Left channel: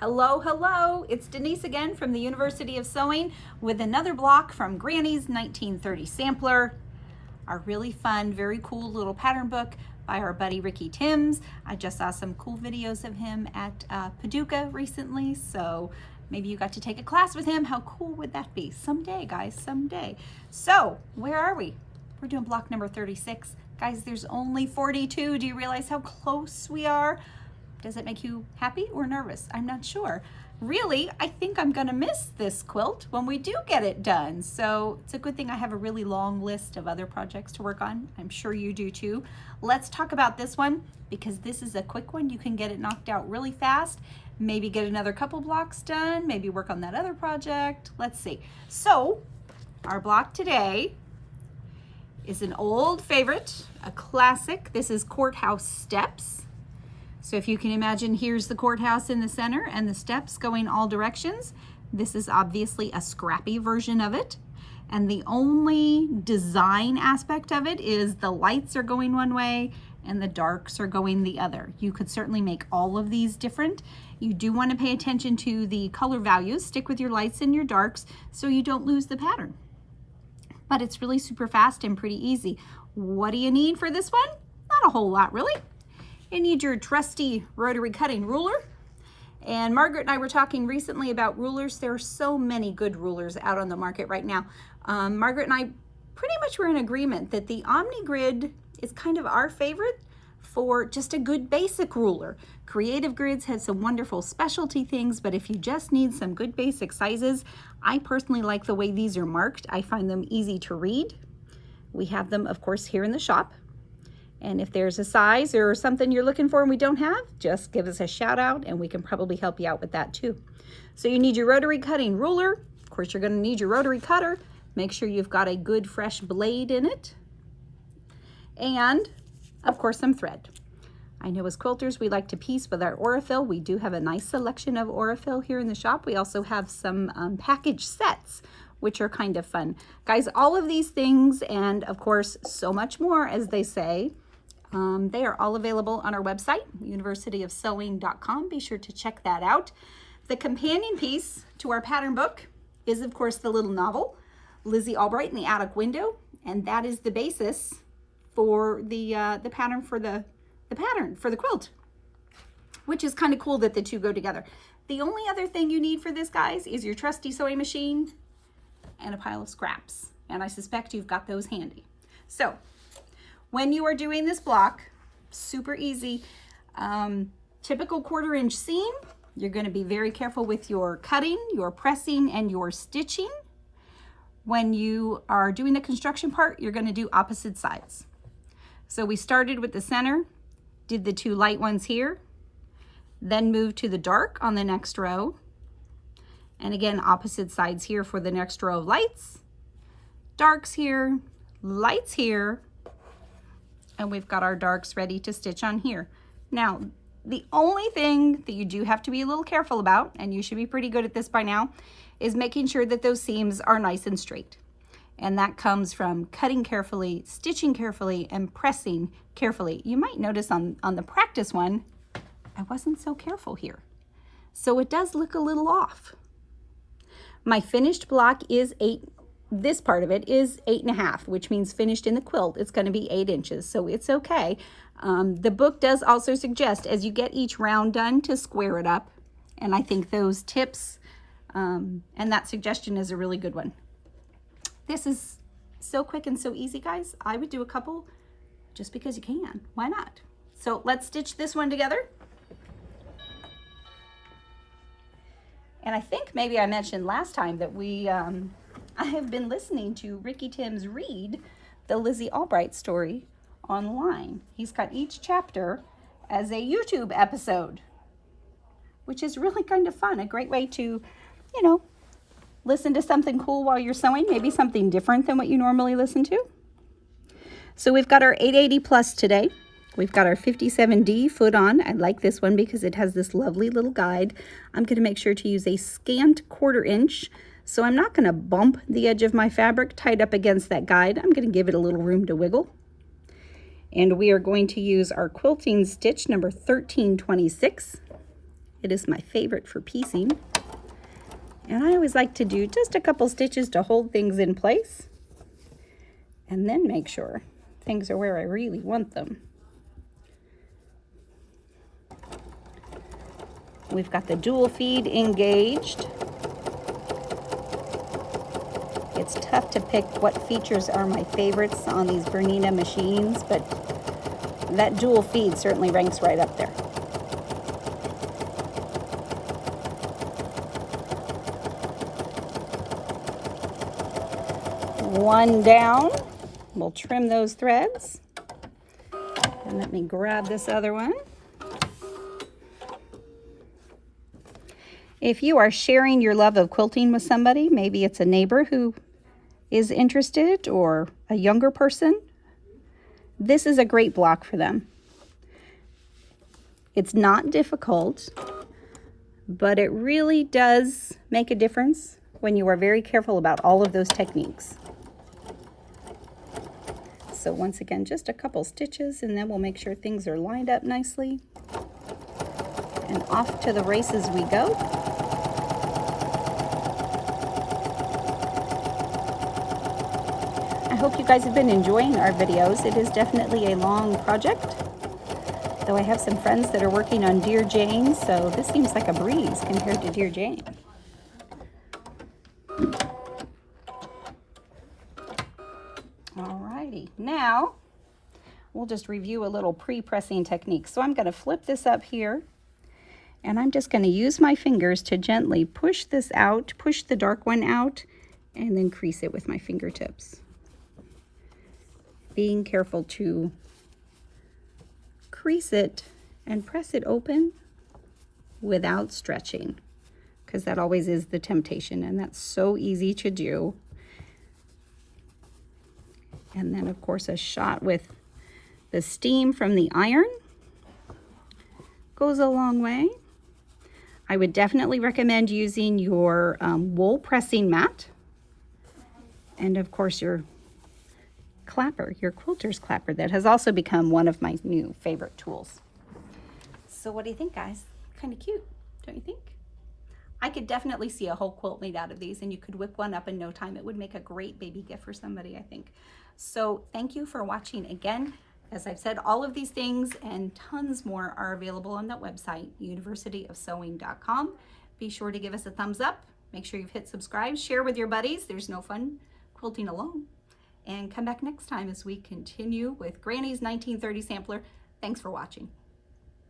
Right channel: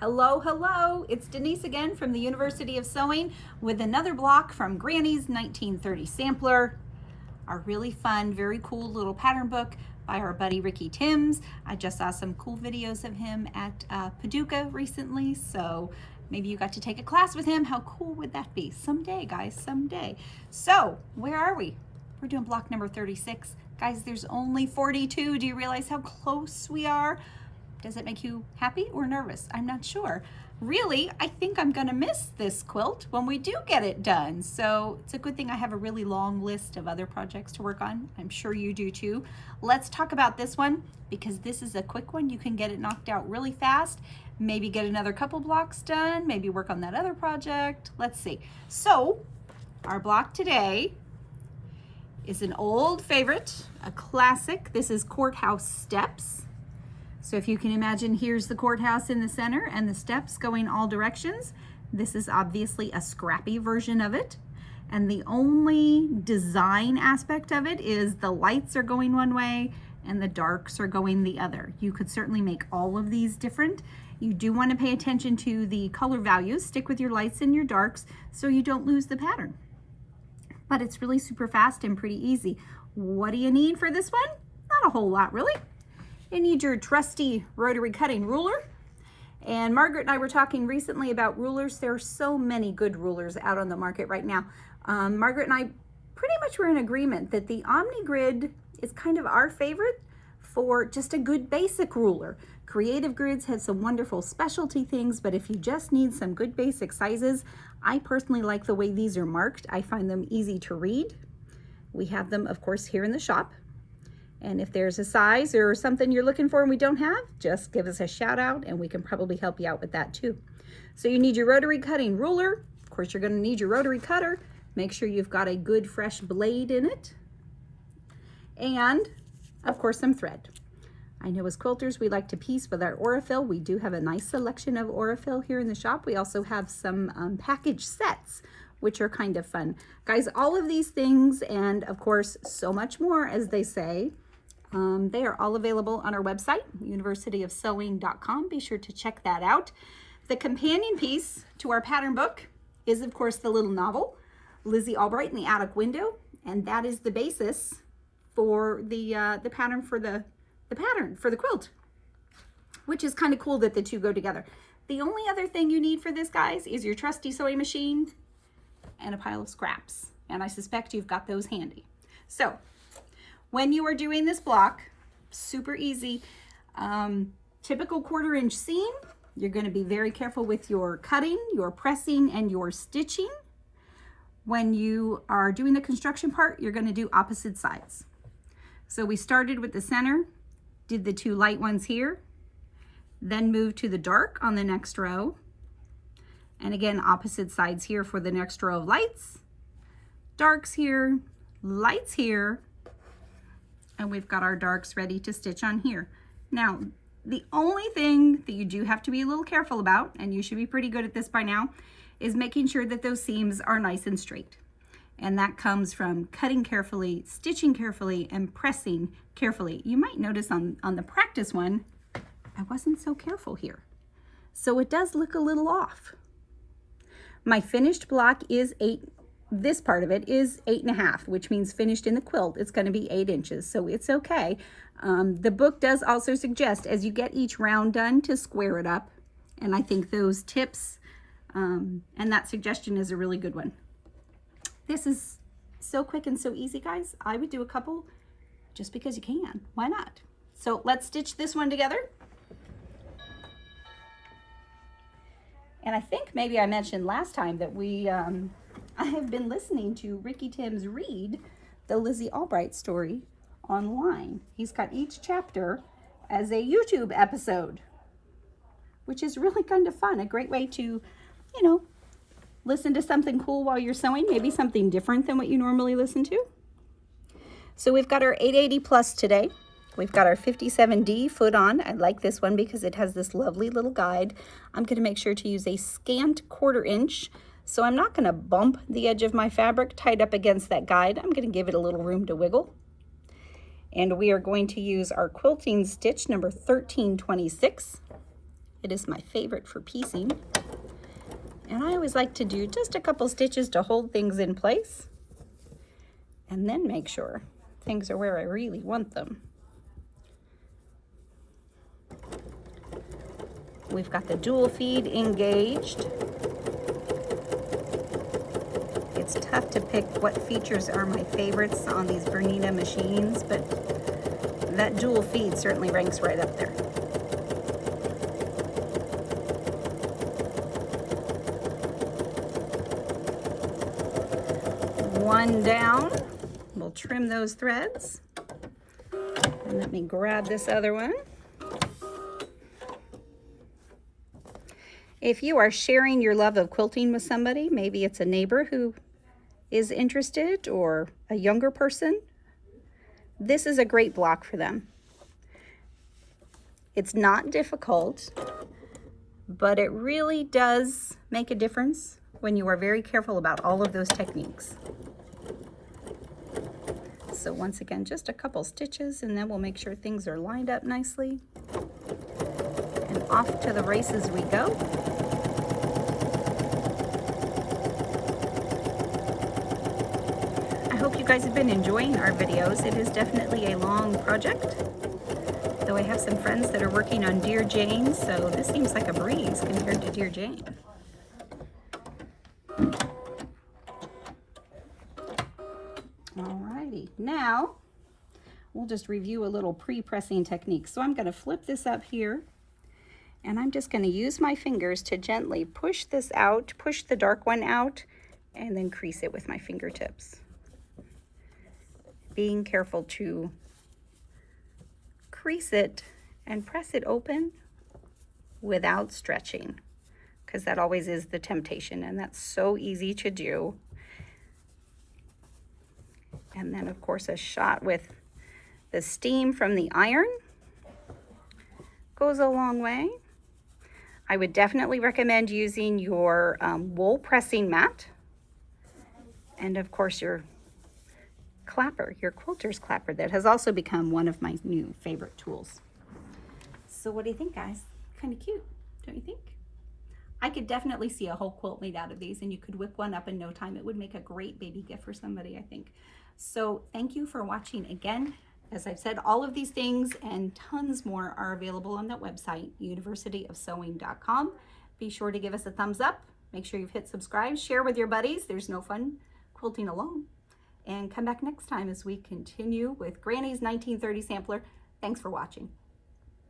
Hello, hello, it's Denise again from the University of Sewing with another block from Granny's 1930 Sampler, our really fun, very cool little pattern book by our buddy Ricky Timms. I just saw some cool videos of him at Paducah recently, so maybe you got to take a class with him. How cool would that be? Someday, guys, someday. So, where are we? We're doing block number 36. Guys, there's only 42. Do you realize how close we are? Does it make you happy or nervous? I'm not sure. Really, I think I'm gonna miss this quilt when we do get it done. So it's a good thing I have a really long list of other projects to work on. I'm sure you do too. Let's talk about this one because this is a quick one. You can get it knocked out really fast. Maybe get another couple blocks done. Maybe work on that other project. Let's see. So our block today is an old favorite, a classic. This is Courthouse Steps. So if you can imagine, here's the courthouse in the center and the steps going all directions. This is obviously a scrappy version of it. And the only design aspect of it is the lights are going one way and the darks are going the other. You could certainly make all of these different. You do want to pay attention to the color values. Stick with your lights and your darks so you don't lose the pattern. But it's really super fast and pretty easy. What do you need for this one? Not a whole lot, really. You need your trusty rotary cutting ruler. And Margaret and I were talking recently about rulers. There are so many good rulers out on the market right now. Margaret and I pretty much were in agreement that the OmniGrid is kind of our favorite for just a good basic ruler. Creative Grids have some wonderful specialty things, but if you just need some good basic sizes, I personally like the way these are marked. I find them easy to read. We have them, of course, here in the shop. And if there's a size or something you're looking for and we don't have, just give us a shout out and we can probably help you out with that too. So you need your rotary cutting ruler. Of course, you're going to need your rotary cutter. Make sure you've got a good fresh blade in it. And of course, some thread. I know as quilters, we like to piece with our Aurifil. We do have a nice selection of Aurifil here in the shop. We also have some package sets, which are kind of fun. Guys, all of these things, and of course, so much more, as they say, they are all available on our website, universityofsewing.com. Be sure to check that out. The companion piece to our pattern book is, of course, the little novel, Lizzy Albright in the Attic Window, and that is the basis for the pattern for the quilt, which is kind of cool that the two go together. The only other thing you need for this, guys, is your trusty sewing machine and a pile of scraps, and I suspect you've got those handy. So when you are doing this block, super easy, typical 1/4 inch seam. You're going to be very careful with your cutting, your pressing, and your stitching. When you are doing the construction part, you're going to do opposite sides. So we started with the center, did the 2 light ones here, then moved to the dark on the next row, and again opposite sides here for the next row of lights, darks here, lights here, and we've got our darks ready to stitch on here. Now, the only thing that you do have to be a little careful about, and you should be pretty good at this by now, is making sure that those seams are nice and straight. And that comes from cutting carefully, stitching carefully, and pressing carefully. You might notice on the practice one, I wasn't so careful here. So it does look a little off. My finished block is 8. This part of it is 8.5, which means finished in the quilt, it's going to be 8 inches, so it's okay. The book does also suggest, as you get each round done, to square it up. And I think those tips and that suggestion is a really good one. This is so quick and so easy, guys. I would do a couple just because you can. Why not? So let's stitch this one together. And I think maybe I mentioned last time that I have been listening to Ricky Timms read the Lizzy Albright story online. He's got each chapter as a YouTube episode, which is really kind of fun. A great way to, listen to something cool while you're sewing, maybe something different than what you normally listen to. So we've got our 880 plus today. We've got our 57D foot on. I like this one because it has this lovely little guide. I'm going to make sure to use a scant 1/4 inch. So I'm not going to bump the edge of my fabric tied up against that guide. I'm going to give it a little room to wiggle. And we are going to use our quilting stitch number 1326. It is my favorite for piecing. And I always like to do just a couple stitches to hold things in place and then make sure things are where I really want them. We've got the dual feed engaged. It's tough to pick what features are my favorites on these Bernina machines, but that dual feed certainly ranks right up there. One down. We'll trim those threads. And let me grab this other one. If you are sharing your love of quilting with somebody, maybe it's a neighbor who is interested or a younger person, this is a great block for them. It's not difficult, but it really does make a difference when you are very careful about all of those techniques. So once again, just a couple stitches, and then we'll make sure things are lined up nicely. And off to the races we go. I hope you guys have been enjoying our videos. It is definitely a long project, though I have some friends that are working on Dear Jane, so this seems like a breeze compared to Dear Jane. Alrighty, now we'll just review a little pre-pressing technique. So I'm going to flip this up here, and I'm just going to use my fingers to gently push this out, push the dark one out, and then crease it with my fingertips. Being careful to crease it and press it open without stretching, because that always is the temptation, and that's so easy to do. And then of course a shot with the steam from the iron goes a long way. I would definitely recommend using your wool pressing mat, and of course your clapper, your quilter's clapper, that has also become one of my new favorite tools. So what do you think, guys? Kind of cute, don't you think? I could definitely see a whole quilt made out of these, and you could whip one up in no time. It would make a great baby gift for somebody, I think. So thank you for watching again. As I've said, all of these things and tons more are available on that website, universityofsewing.com. Be sure to give us a thumbs up. Make sure you've hit subscribe. Share with your buddies. There's no fun quilting alone. And come back next time as we continue with Granny's 1930 sampler. Thanks for watching.